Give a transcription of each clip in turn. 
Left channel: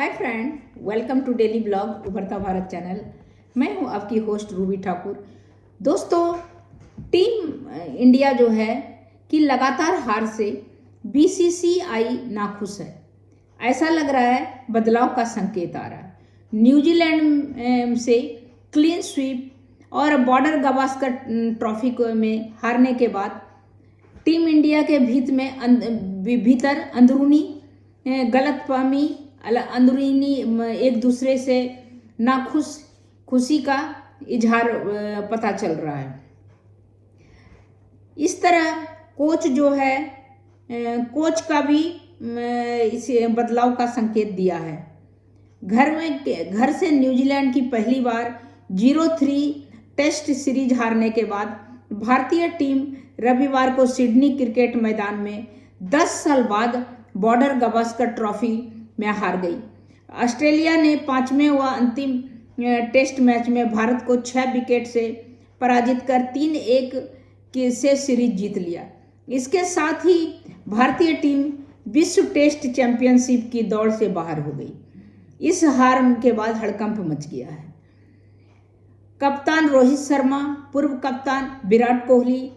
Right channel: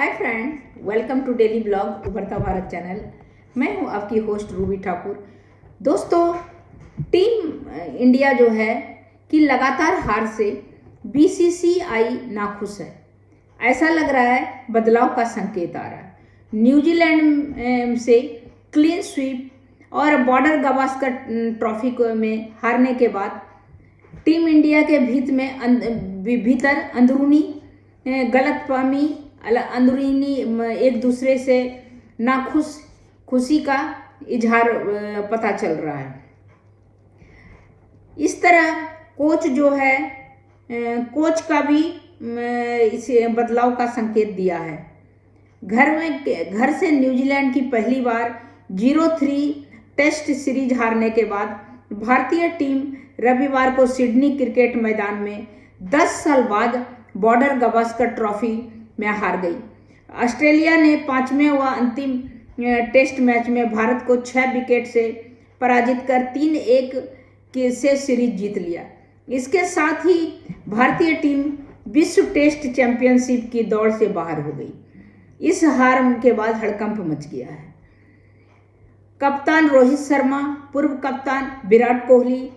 Hi friend, welcome to daily blog उभरता Bharat channel. मैं हूं आपकी होस्ट रूबी ठाकुर। दोस्तों, टीम इंडिया जो है कि लगातार हार से बीसीसीआई नाखुश है। ऐसा लग रहा है बदलाव का संकेत आ रहा है। न्यूजीलैंड से क्लीन स्वीप और बॉर्डर गवास्कर ट्रॉफी में हारने के बाद टीम इंडिया के भीतर अंदरूनी गलतफहमी, अंदरूनी एक दूसरे से खुशी का इजहार पता चल रहा है। इस तरह कोच जो है, कोच का भी इसे बदलाव का संकेत दिया है। घर से न्यूजीलैंड की पहली बार 0-3 टेस्ट सीरीज हारने के बाद भारतीय टीम रविवार को सिडनी क्रिकेट मैदान में 10 साल बाद बॉर्डर गवास्कर ट्रॉफी में हार गई। ऑस्ट्रेलिया ने 5वें व अंतिम टेस्ट मैच में भारत को 6 विकेट से पराजित कर 3-1 से सीरीज जीत लिया। इसके साथ ही भारतीय टीम विश्व टेस्ट चैंपियनशिप की दौड़ से बाहर हो गई। इस हार के बाद हड़कंप मच गया है। कप्तान रोहित शर्मा, पूर्व कप्तान विराट कोहली,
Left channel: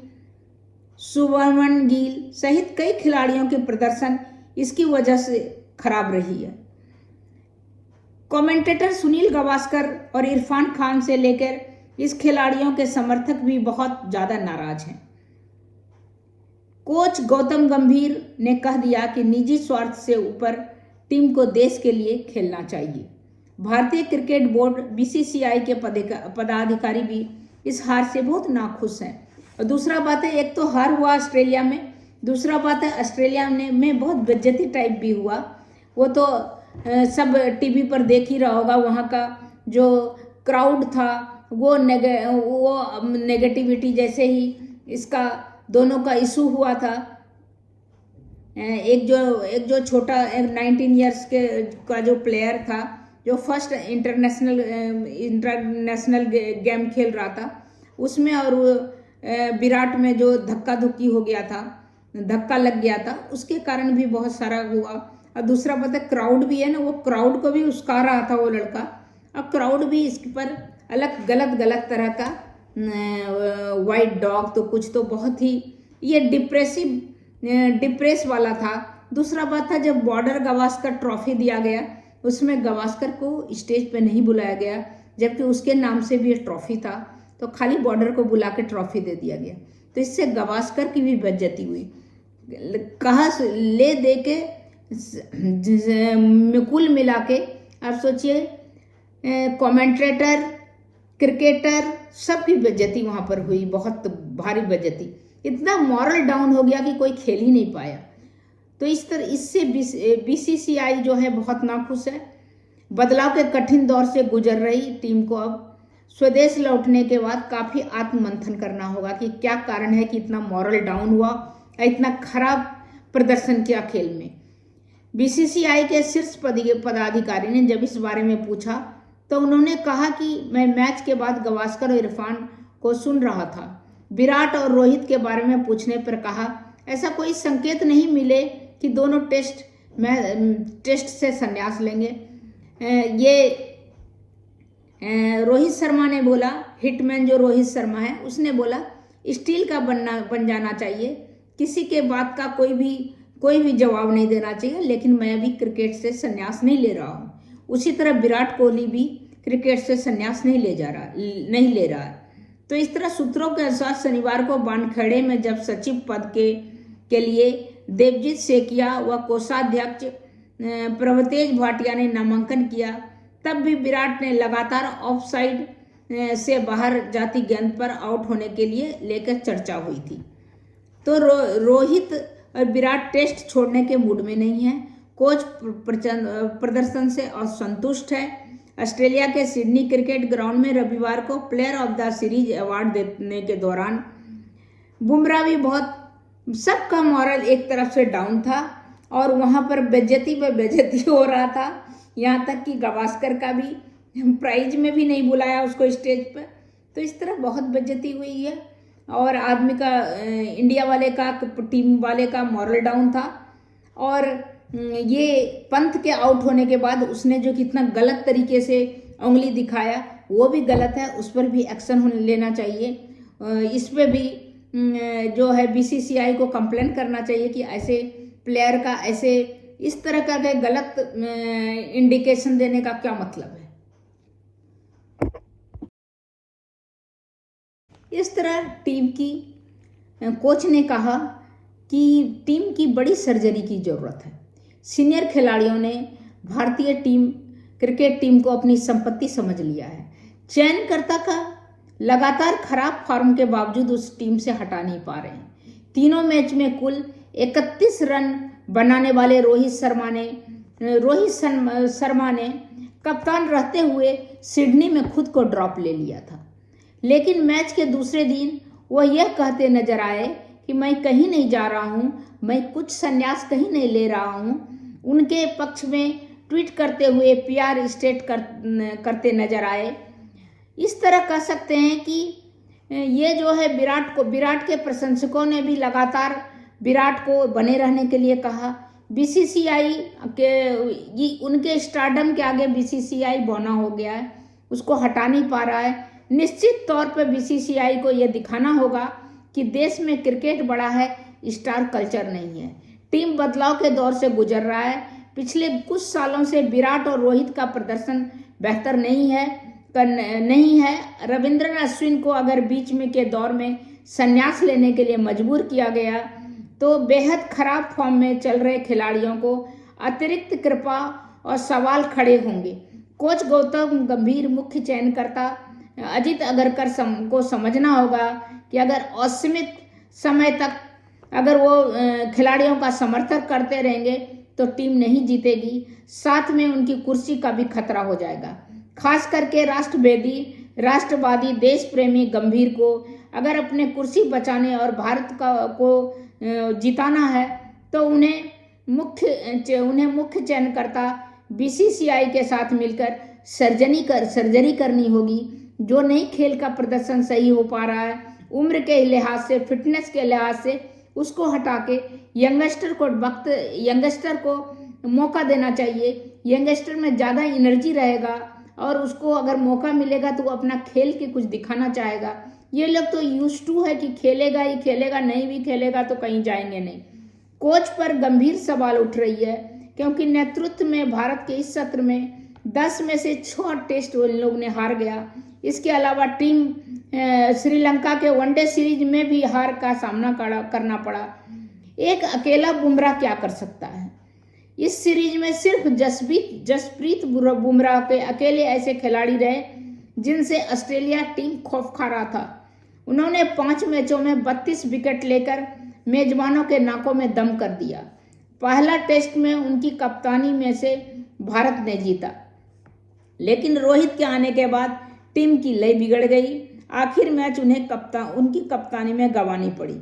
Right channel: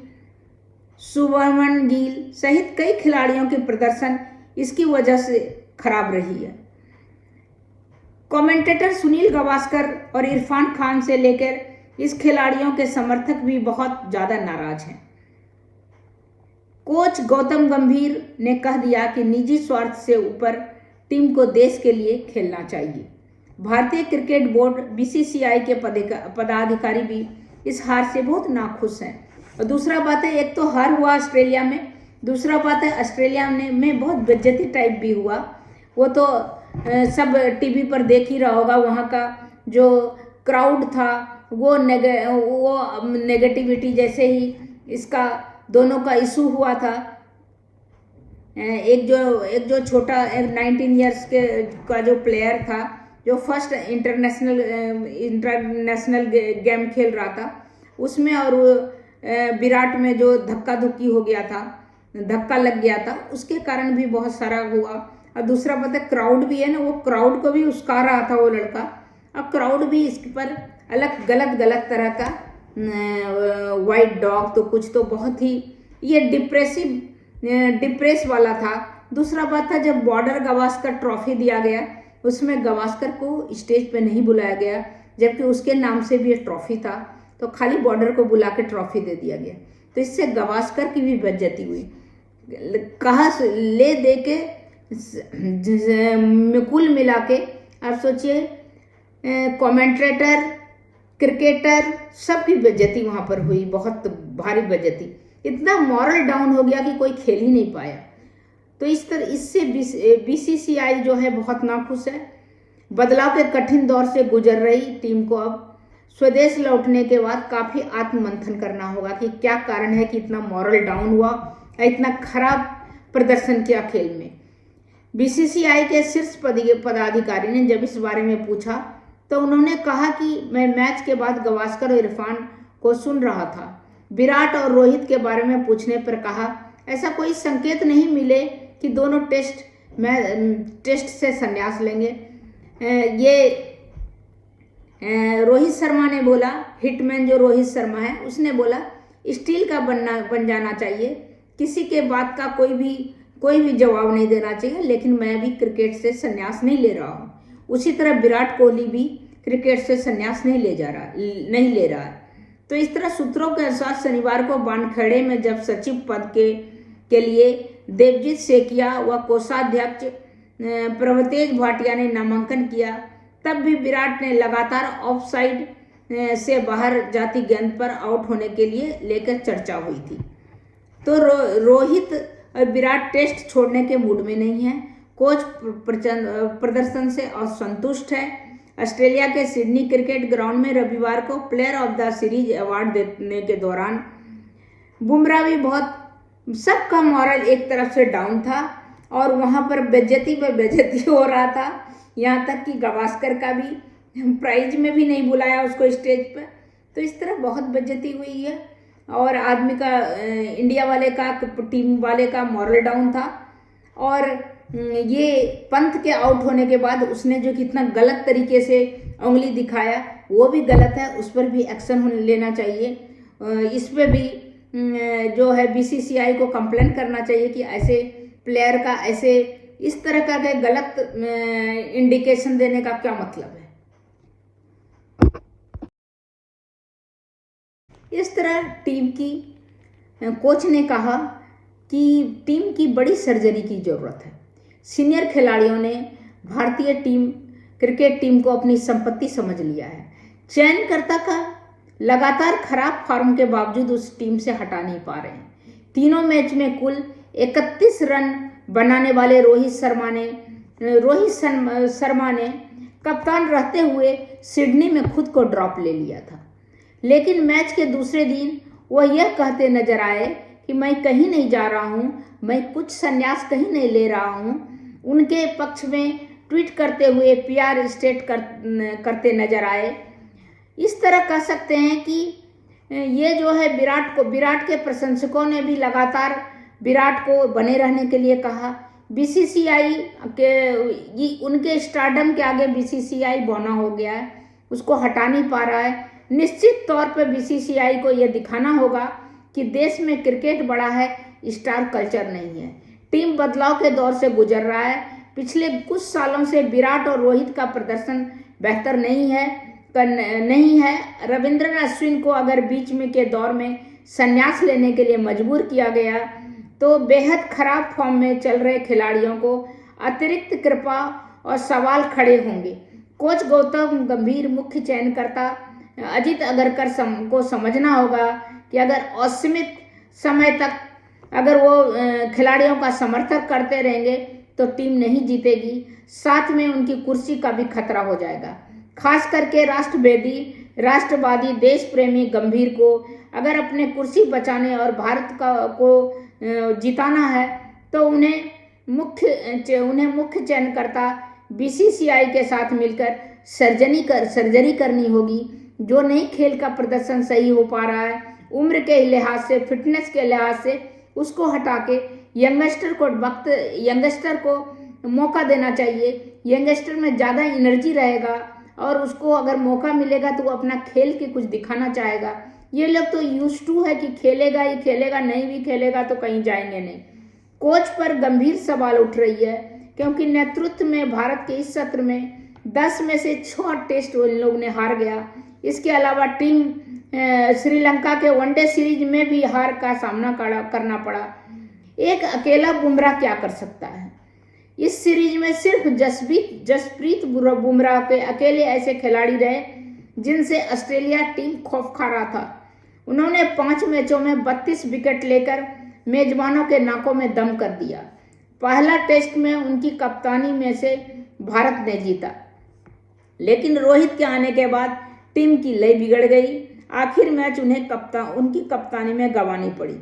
शुभमन गिल सहित कई खिलाड़ियों के प्रदर्शन इसकी वजह से खराब रही है। कमेंटेटर सुनील गावस्कर और इरफान खान से लेकर इस खिलाड़ियों के समर्थक भी बहुत ज्यादा नाराज हैं। कोच गौतम गंभीर ने कह दिया कि निजी स्वार्थ से ऊपर टीम को देश के लिए खेलना चाहिए। भारतीय क्रिकेट बोर्ड बीसीसीआई के पदाधिकारी भी इस हार से बहुत नाखुश हैं। और दूसरा बात है, एक तो हार हुआ ऑस्ट्रेलिया में, दूसरा बात है ऑस्ट्रेलिया में बहुत बेइज्जती टाइप भी हुआ। वो तो सब टीवी पर देख ही रहा होगा। वहाँ का जो क्राउड था वो नेगेटिविटी, जैसे ही इसका दोनों का इशू हुआ था। एक जो छोटा 19 इयर्स का जो प्लेयर था, जो फर्स्ट इंटरनेशनल गेम खेल रहा था, उसमें और विराट में जो धक्का धुक्की हो गया था, धक्का लग गया था, उसके कारण भी बहुत सारा हुआ। और दूसरा पता है, क्राउड भी है ना, वो क्राउड को भी उस्का रहा था वो लड़का। अब क्राउड भी इस पर अलग गलत तरह का वाइट डॉग तो कुछ तो बहुत ही ये डिप्रेस वाला था। दूसरा बात था, जब बॉर्डर गवास्कर ट्रॉफी दिया गया, उसमें गवास्कर को स्टेज पे नहीं बुलाया गया, जबकि उसके नाम से भी ये ट्रॉफी था। तो खाली बॉर्डर को बुला के ट्रॉफी दे दिया गया। तो इससे गवास्कर की भी बेइज्जती हुई। कहा ले दे के कुल मिला के आप सोचिए, कमेंटेटर, क्रिकेटर, सब की बेइज्जती वहां पर हुई, बहुत भारी बेइज्जती। इतना मॉरल डाउन हो गया कि कोई खेल ही नहीं पाया। तो इस तरह इससे बीसीसीआई जो है बहुत नाखुश है। बदलाव के कठिन दौर से गुजर रही टीम को अब स्वदेश लौटने के बाद काफी आत्ममंथन करना होगा कि क्या कारण है कि इतना मॉरल डाउन हुआ, इतना खराब प्रदर्शन किया खेल में। बीसीसीआई के शीर्ष पदाधिकारी ने जब इस बारे में पूछा तो उन्होंने कहा कि मैं मैच के बाद गावस्कर और इरफान को सुन रहा था। विराट और रोहित के बारे में पूछने पर कहा, ऐसा कोई संकेत नहीं मिले कि दोनों टेस्ट से संन्यास लेंगे। ये रोहित शर्मा ने बोला, हिटमैन जो रोहित शर्मा है, उसने बोला स्टील का बन जाना चाहिए, किसी के बात का कोई भी जवाब नहीं देना चाहिए, लेकिन मैं भी क्रिकेट से संन्यास नहीं ले रहा हूँ। उसी तरह विराट कोहली भी क्रिकेट से संन्यास नहीं ले रहा है। तो इस तरह सूत्रों के अनुसार शनिवार को वानखेड़े में जब सचिव पद के लिए देवजीत सेकिया व कोषाध्यक्ष प्रभतेज भाटिया ने नामांकन किया, तब भी विराट ने लगातार ऑफसाइड से बाहर जाती गेंद पर आउट होने के लिए लेकर चर्चा हुई थी। तो रोहित और विराट टेस्ट छोड़ने के मूड में नहीं है। कोच प्रदर्शन से असंतुष्ट है। ऑस्ट्रेलिया के सिडनी क्रिकेट ग्राउंड में रविवार को player of the series award देने के दौरान बुमराह भी बहुत, सबका मॉरल एक तरफ से डाउन था और वहां पर बेइज्जती हो रहा था। यहाँ तक कि गावस्कर का भी प्राइज में भी नहीं बुलाया उसको स्टेज पर। तो इस तरह बहुत बेइज्जती हुई है और आदमी का, इंडिया वाले का, टीम वाले का मॉरल डाउन था। और ये पंत के आउट होने के बाद उसने जो कितना गलत तरीके से उंगली दिखाया वो भी गलत है, उस पर भी एक्शन लेना चाहिए। इस पे भी जो है बीसीसीआई को कंप्लेन करना चाहिए कि ऐसे प्लेयर का ऐसे इस तरह का गलत इंडिकेशन देने का क्या मतलब है। इस तरह टीम की कोच ने कहा कि टीम की बड़ी सर्जरी की ज़रूरत है। सीनियर खिलाड़ियों ने भारतीय टीम क्रिकेट टीम को अपनी संपत्ति समझ लिया है। चयनकर्ता का लगातार खराब फॉर्म के बावजूद उस टीम से हटा नहीं पा रहे हैं। तीनों मैच में कुल 31 रन बनाने वाले रोहित शर्मा ने कप्तान रहते हुए सिडनी में खुद को ड्रॉप ले लिया था। लेकिन मैच के दूसरे दिन वह यह कहते नजर आए कि मैं कहीं नहीं जा रहा हूं, मैं कुछ संन्यास कहीं नहीं ले रहा हूं। उनके पक्ष में ट्वीट करते हुए पीआर स्टेट करते नजर आए। इस तरह कह सकते हैं कि ये जो है विराट के प्रशंसकों ने भी लगातार विराट को बने रहने के लिए कहा। बीसीसीआई के उनके स्टारडम के आगे बीसीसीआई बौना हो गया है, उसको हटा नहीं पा रहा है। निश्चित तौर पर बीसीसीआई को यह दिखाना होगा कि देश में क्रिकेट बड़ा है, स्टार कल्चर नहीं है। टीम बदलाव के दौर से गुजर रहा है। पिछले कुछ सालों से विराट और रोहित का प्रदर्शन बेहतर नहीं है। रविंद्रन अश्विन को अगर बीच में के दौर में संन्यास लेने के लिए मजबूर किया गया तो बेहद खराब फॉर्म में चल रहे खिलाड़ियों को अतिरिक्त कृपा और सवाल खड़े होंगे। कोच गौतम गंभीर, मुख्य चयनकर्ता अजित अगरकर को समझना होगा कि अगर असीमित समय तक अगर वो खिलाड़ियों का समर्थन करते रहेंगे तो टीम नहीं जीतेगी, साथ में उनकी कुर्सी का भी खतरा हो जाएगा। खास करके राष्ट्रवादी देश प्रेमी गंभीर को अगर अपने कुर्सी बचाने और भारत को जिताना है तो उन्हें मुख्य चयनकर्ता बीसीसीआई के साथ मिलकर सर्जरी करनी होगी। जो नहीं खेल का प्रदर्शन सही हो पा रहा है, उम्र के लिहाज से, फिटनेस के लिहाज से उसको हटा के यंगस्टर को मौका देना चाहिए। यंगस्टर में ज़्यादा एनर्जी रहेगा और उसको अगर मौका मिलेगा तो वो अपना खेल के कुछ दिखाना चाहेगा। ये लोग तो यूज्ड टू है कि खेलेगा ही खेलेगा, नहीं भी खेलेगा तो कहीं जाएंगे नहीं। कोच पर गंभीर सवाल उठ रही है क्योंकि नेतृत्व में भारत के इस सत्र में 10 में से 6 टेस्ट उन लोग ने हार गया। इसके अलावा टीम श्रीलंका के वनडे सीरीज में भी हार का सामना करना पड़ा। एक अकेला बुमराह क्या कर सकता है? इस सीरीज में सिर्फ जसप्रीत बुमराह के अकेले ऐसे खिलाड़ी रहे जिनसे ऑस्ट्रेलिया टीम खौफ खा रहा था। उन्होंने 5 मैचों में 32 विकेट लेकर मेजबानों के नाकों में दम कर दिया। पहला टेस्ट में उनकी कप्तानी में से भारत ने जीता, लेकिन रोहित के आने के बाद टीम की लय बिगड़ गई। आखिर मैच उन्हें उनकी कप्तानी में गंवानी पड़ी।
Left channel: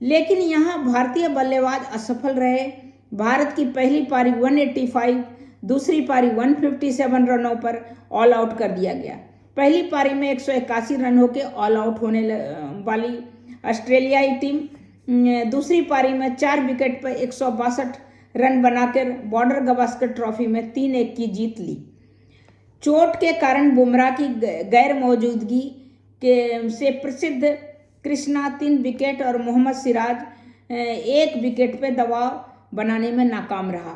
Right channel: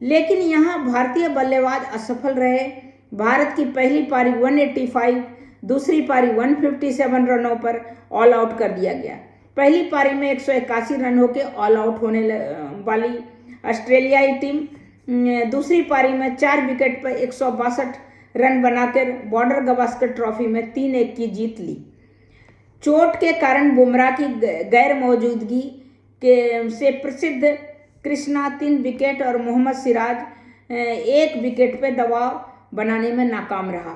लेकिन यहाँ भारतीय बल्लेबाज असफल रहे। भारत की पहली पारी 185, दूसरी पारी 157 रनों पर ऑल आउट कर दिया गया। पहली पारी में 181 रन होकर ऑल आउट होने वाली ऑस्ट्रेलियाई टीम दूसरी पारी में 4 विकेट पर 162 रन बनाकर बॉर्डर गावस्कर ट्रॉफी में 3-1 की जीत ली। चोट के कारण बुमराह की गैर मौजूदगी से प्रसिद्ध कृष्णा 3 विकेट और मोहम्मद सिराज 1 विकेट पर दबाव बनाने में नाकाम रहा।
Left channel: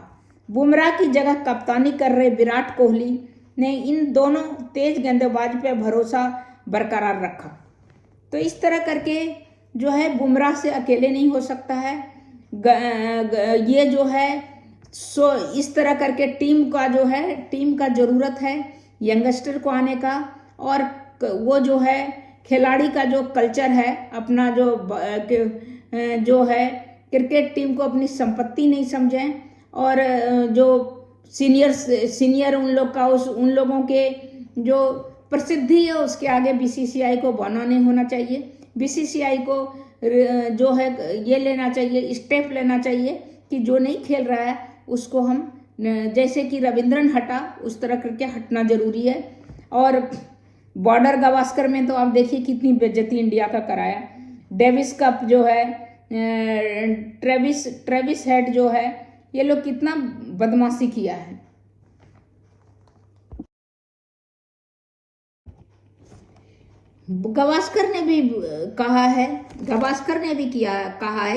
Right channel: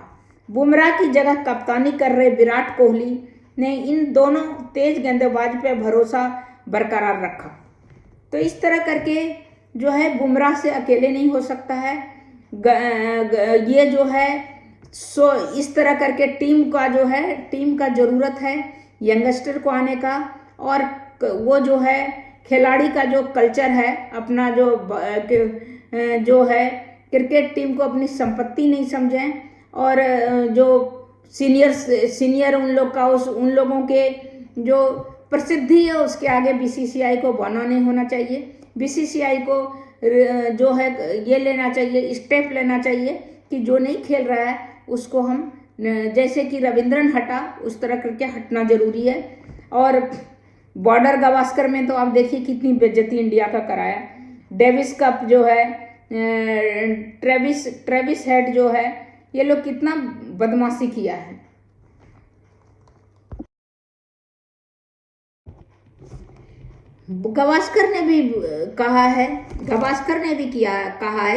बुमराह की जगह कप्तानी कर रहे विराट कोहली ने इन दोनों तेज गेंदबाज पर भरोसा बरकरार रखा। तो इस तरह करके जो है बुमराह से अकेले नहीं हो सकता है। ये जो है इस तरह करके टीम का ज़रूरत है यंगस्टर को आने का, और वो जो है खिलाड़ी का जो कल्चर है अपना जो है क्रिकेट टीम को अपनी संपत्ति नहीं समझें, और जो सीनियर उन लोगों के जो प्रसिद्धि है उसके आगे बीसीसीआई को बौना नहीं होना चाहिए। बीसीसीआई को जो है ये लेना चाहिए, स्टेप लेना चाहिए कि जो नहीं खेल रहा है उसको हम जैसे कि रविंद्रन हटा उस तरह करके हटना जरूरी है। और बॉर्डर गावस्कर में तो आप देखिए कितनी बेइज्जती इंडिया का कराया। डेविस कप जो है ट्रेविस हेड जो है ये लोग कितना बदमाशी किया है। गावस्कर ने भी कहा है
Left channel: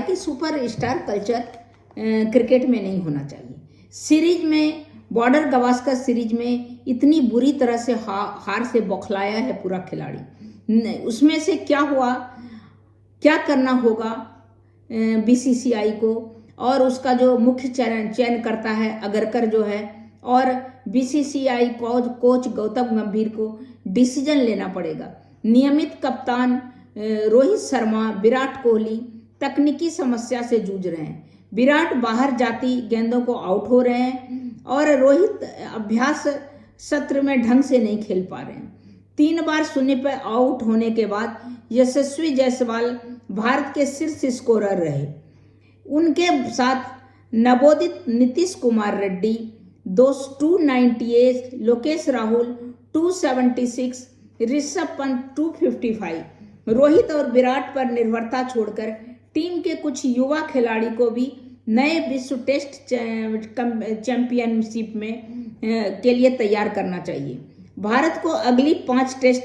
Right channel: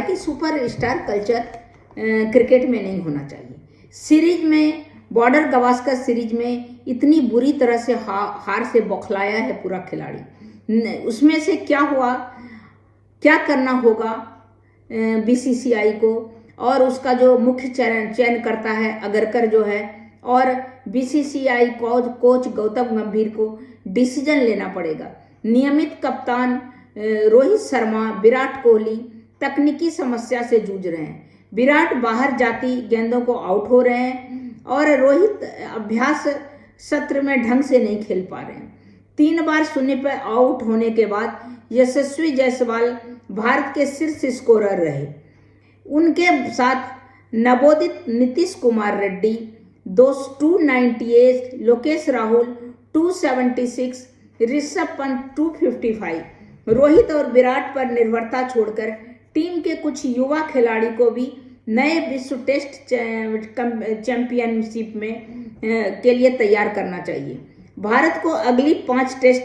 कि सुपरस्टार कल्चर क्रिकेट में नहीं होना चाहिए। सीरीज में बॉर्डर गावस्कर सीरीज में इतनी बुरी तरह से हार से बौखलाया है पूरा खिलाड़ी। उसमें से क्या हुआ, क्या करना होगा बीसीसीआई को, और उसका जो मुख्य चयन करता है अगरकर जो है, और बीसीसीआई कोच गौतम गंभीर को डिसीजन लेना पड़ेगा। नियमित कप्तान रोहित शर्मा, विराट कोहली तकनीकी समस्या से जूझ रहे हैं। विराट बाहर जाती गेंदों को आउट हो रहे हैं और रोहित अभ्यास सत्र में ढंग से नहीं खेल पा रहे हैं। 3 बार 0 पर आउट होने के बाद यशस्वी जायसवाल भारत के शीर्ष स्कोरर रहे। उनके साथ नवोदित नीतीश कुमार रेड्डी 298, लोकेश राहुल 276, ऋषभ पंत 255। रोहित और विराट पर निर्भरता छोड़कर टीम के कुछ युवा खिलाड़ी को भी नए विश्व टेस्ट चैंपियनशिप में के लिए तैयार करना चाहिए। भारत को अगली 5 टेस्ट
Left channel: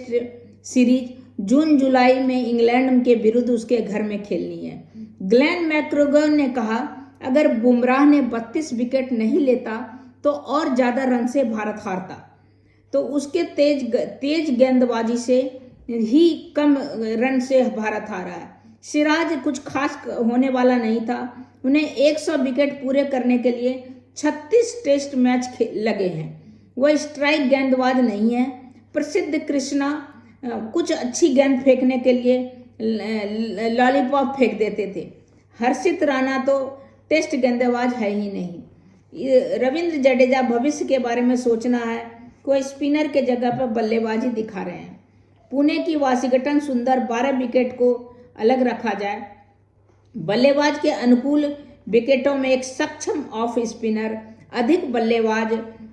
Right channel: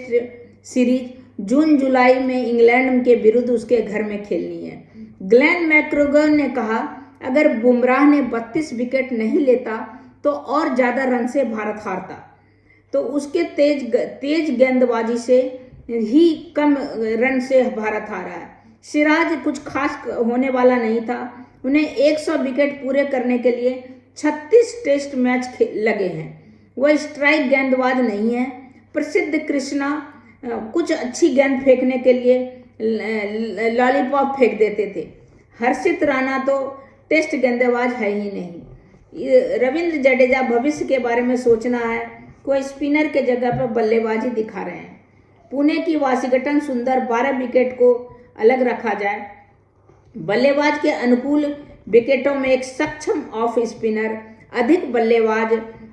सीरीज जून-जुलाई में इंग्लैंड के विरुद्ध उसके घर में खेलनी है। ग्लेन मैक्ग्रेगर ने कहा, अगर बुमराह ने 32 विकेट नहीं लेता तो और ज्यादा रन से भारत हारता, तो उसके तेज गेंदबाजी से ही कम रन से भारत हारा है। सिराज कुछ खास होने वाला नहीं था। उन्हें 100 विकेट पूरे करने के लिए 36 टेस्ट मैच लगे हैं। वह स्ट्राइक गेंदबाज नहीं है। प्रसिद्ध कृष्णा कुछ अच्छी गेंद फेंकने के लिए लॉलीपॉप फेंक देते थे। हर्षित राणा तो टेस्ट गेंदबाज है ही नहीं। रविंद्र जडेजा भविष्य के बारे में सोचना है, कोई स्पिनर के जगह पर बल्लेबाजी दिखा रहे हैं। पुणे की वाशिंगटन सुंदर 12 विकेट को अलग रखा जाए। बल्लेबाज के अनुकूल विकेटों में एक सक्षम ऑफ स्पिनर अधिक बल्लेबाज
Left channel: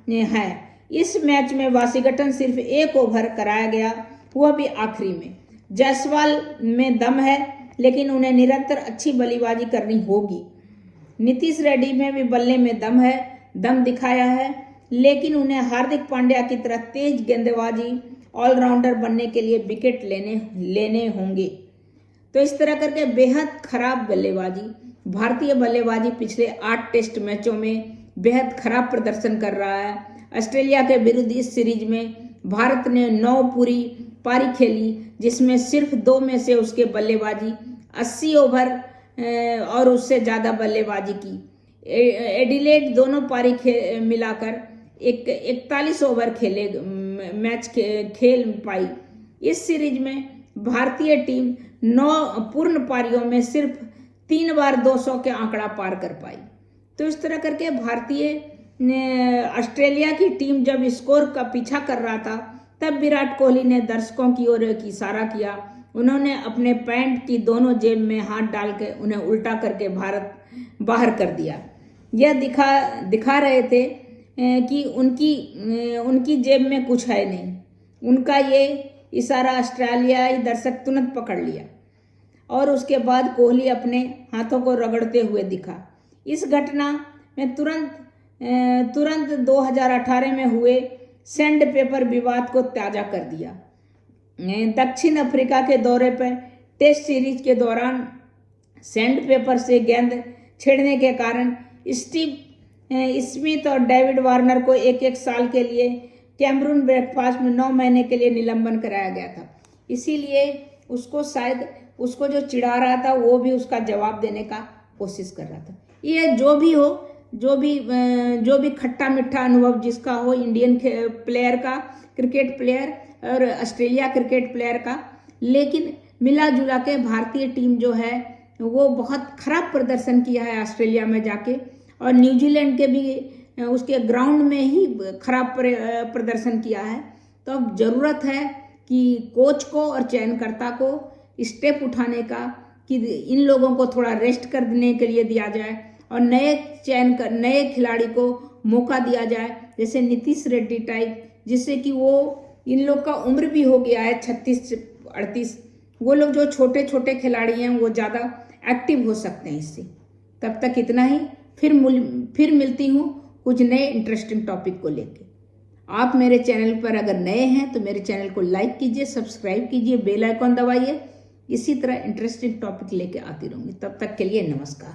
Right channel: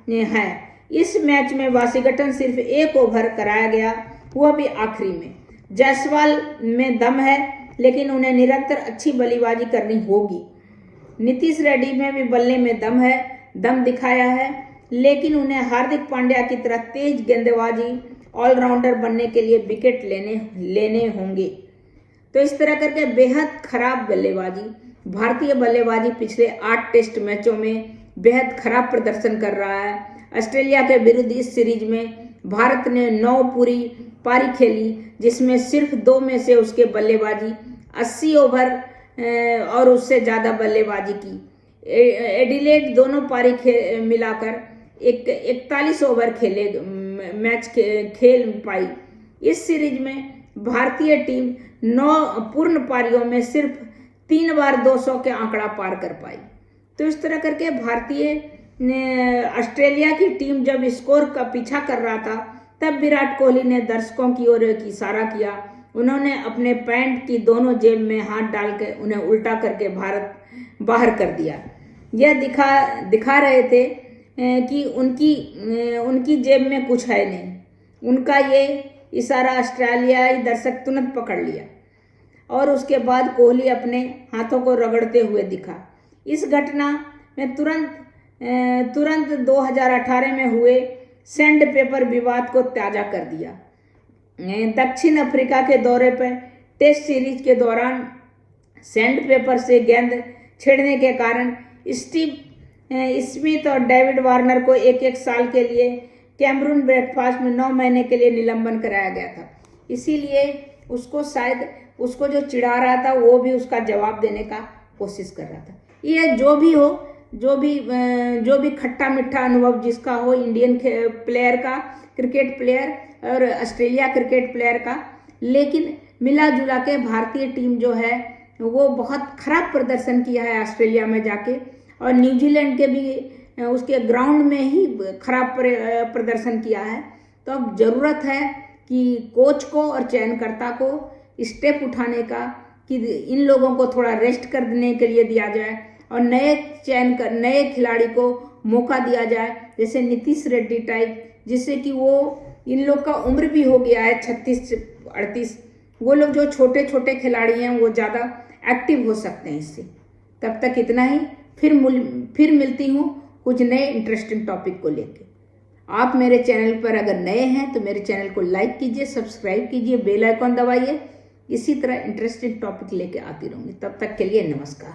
है। इस मैच में वाशिंगटन सिर्फ 1 ओवर कराया गया, वह भी आखिरी में। जायसवाल में दम है, लेकिन उन्हें निरंतर अच्छी बल्लेबाजी करनी होगी। नीतीश रेड्डी में भी बल्ले में दम दिखाया है, लेकिन उन्हें हार्दिक पांड्या की तरह तेज गेंदबाजी ऑलराउंडर बनने के लिए विकेट लेने होंगे। तो इस तरह करके बेहद खराब बल्लेबाजी, भारतीय बल्लेबाजी पिछले 8 टेस्ट मैचों में बेहद खराब प्रदर्शन कर रहा है। ऑस्ट्रेलिया के विरुद्ध इस सीरीज में भारत ने 9 पूरी पारी खेली, जिसमें सिर्फ 2 में से उसके बल्लेबाजी 80 ओवर और उससे ज़्यादा बल्लेबाजी की। एडिलेड दोनों पारी मिलाकर 41 ओवर मैच खेल पाई। इस सीरीज में भारतीय टीम 9 पूर्ण पारियों में सिर्फ 3 बार 200 के आंकड़ा पार कर पाई। तो इस तरह करके ऑस्ट्रेलिया की टीम जब स्कोर का पीछा कर रहा था, तब विराट कोहली ने दर्शकों की ओर एक इशारा किया। उन्होंने अपने पैंट की दोनों जेब में हाथ डालकर उन्हें उल्टा करके भारत बाहर कर दिया। यह दिखा रहे थे कि उनकी जेब में कुछ है नहीं। उनका ये इशारा ऑस्ट्रेलियाई दर्शक तुरंत पकड़ लिया और उसके बाद कोहली अपने हाथों को रगड़ते हुए दिखा। इस घटना में तुरंत 2018 में हुए सैंड पेपर विवाद को ताज़ा कर दिया। दक्षिण अफ्रीका के दौरे पर टेस्ट सीरीज के दौरान सैंड पेपर से गेंद छेड़ने के कारण स्टीव स्मिथ और डेविड वार्नर को 1-1 साल के लिए कैमरून ब्रेकफास्ट में 9 महीने के लिए निलंबन कराया गया था। इसीलिए उसको जो चिढ़ा रहा था, वो भी उसका जवाब देने का कोशिश कर रहा था। ये जो भी हो, जो भी खट्टा मीठा अनुभव जिसका हो, इंडियन प्लेयर का, क्रिकेट प्लेयर और ऑस्ट्रेलिया क्रिकेट प्लेयर का, लेकिन मिला जुला के भारतीय टीम जो है वो बहुत खराब प्रदर्शन किया है ऑस्ट्रेलिया में जाके, और न्यूजीलैंड के भी उसके ग्राउंड में ही खराब प्रदर्शन किया है। तो अब ज़रूरत है कि कोच को और चयनकर्ता को स्टेप उठाने का, कि इन लोगों को थोड़ा रेस्ट करने के लिए दिया जाए और नए खिलाड़ी को मौका दिया जाए, जैसे नीतीश रेड्डी टाइप, जिससे कि वो, इन लोग का उम्र भी हो गया है 36-38, वो लोग जो छोटे छोटे खिलाड़ी हैं वो ज़्यादा एक्टिव हो सकते हैं इससे। तब तक इतना ही। फिर मिलती हूँ कुछ नए इंटरेस्टिंग टॉपिक को लेके। आप मेरे चैनल पर अगर नए हैं तो मेरे चैनल को लाइक कीजिए, सब्सक्राइब कीजिए, बेल आइकॉन दबाइए। इसी तरह इंटरेस्टिंग टॉपिक लेके आती रहूँगी। तब तक के लिए नमस्कार।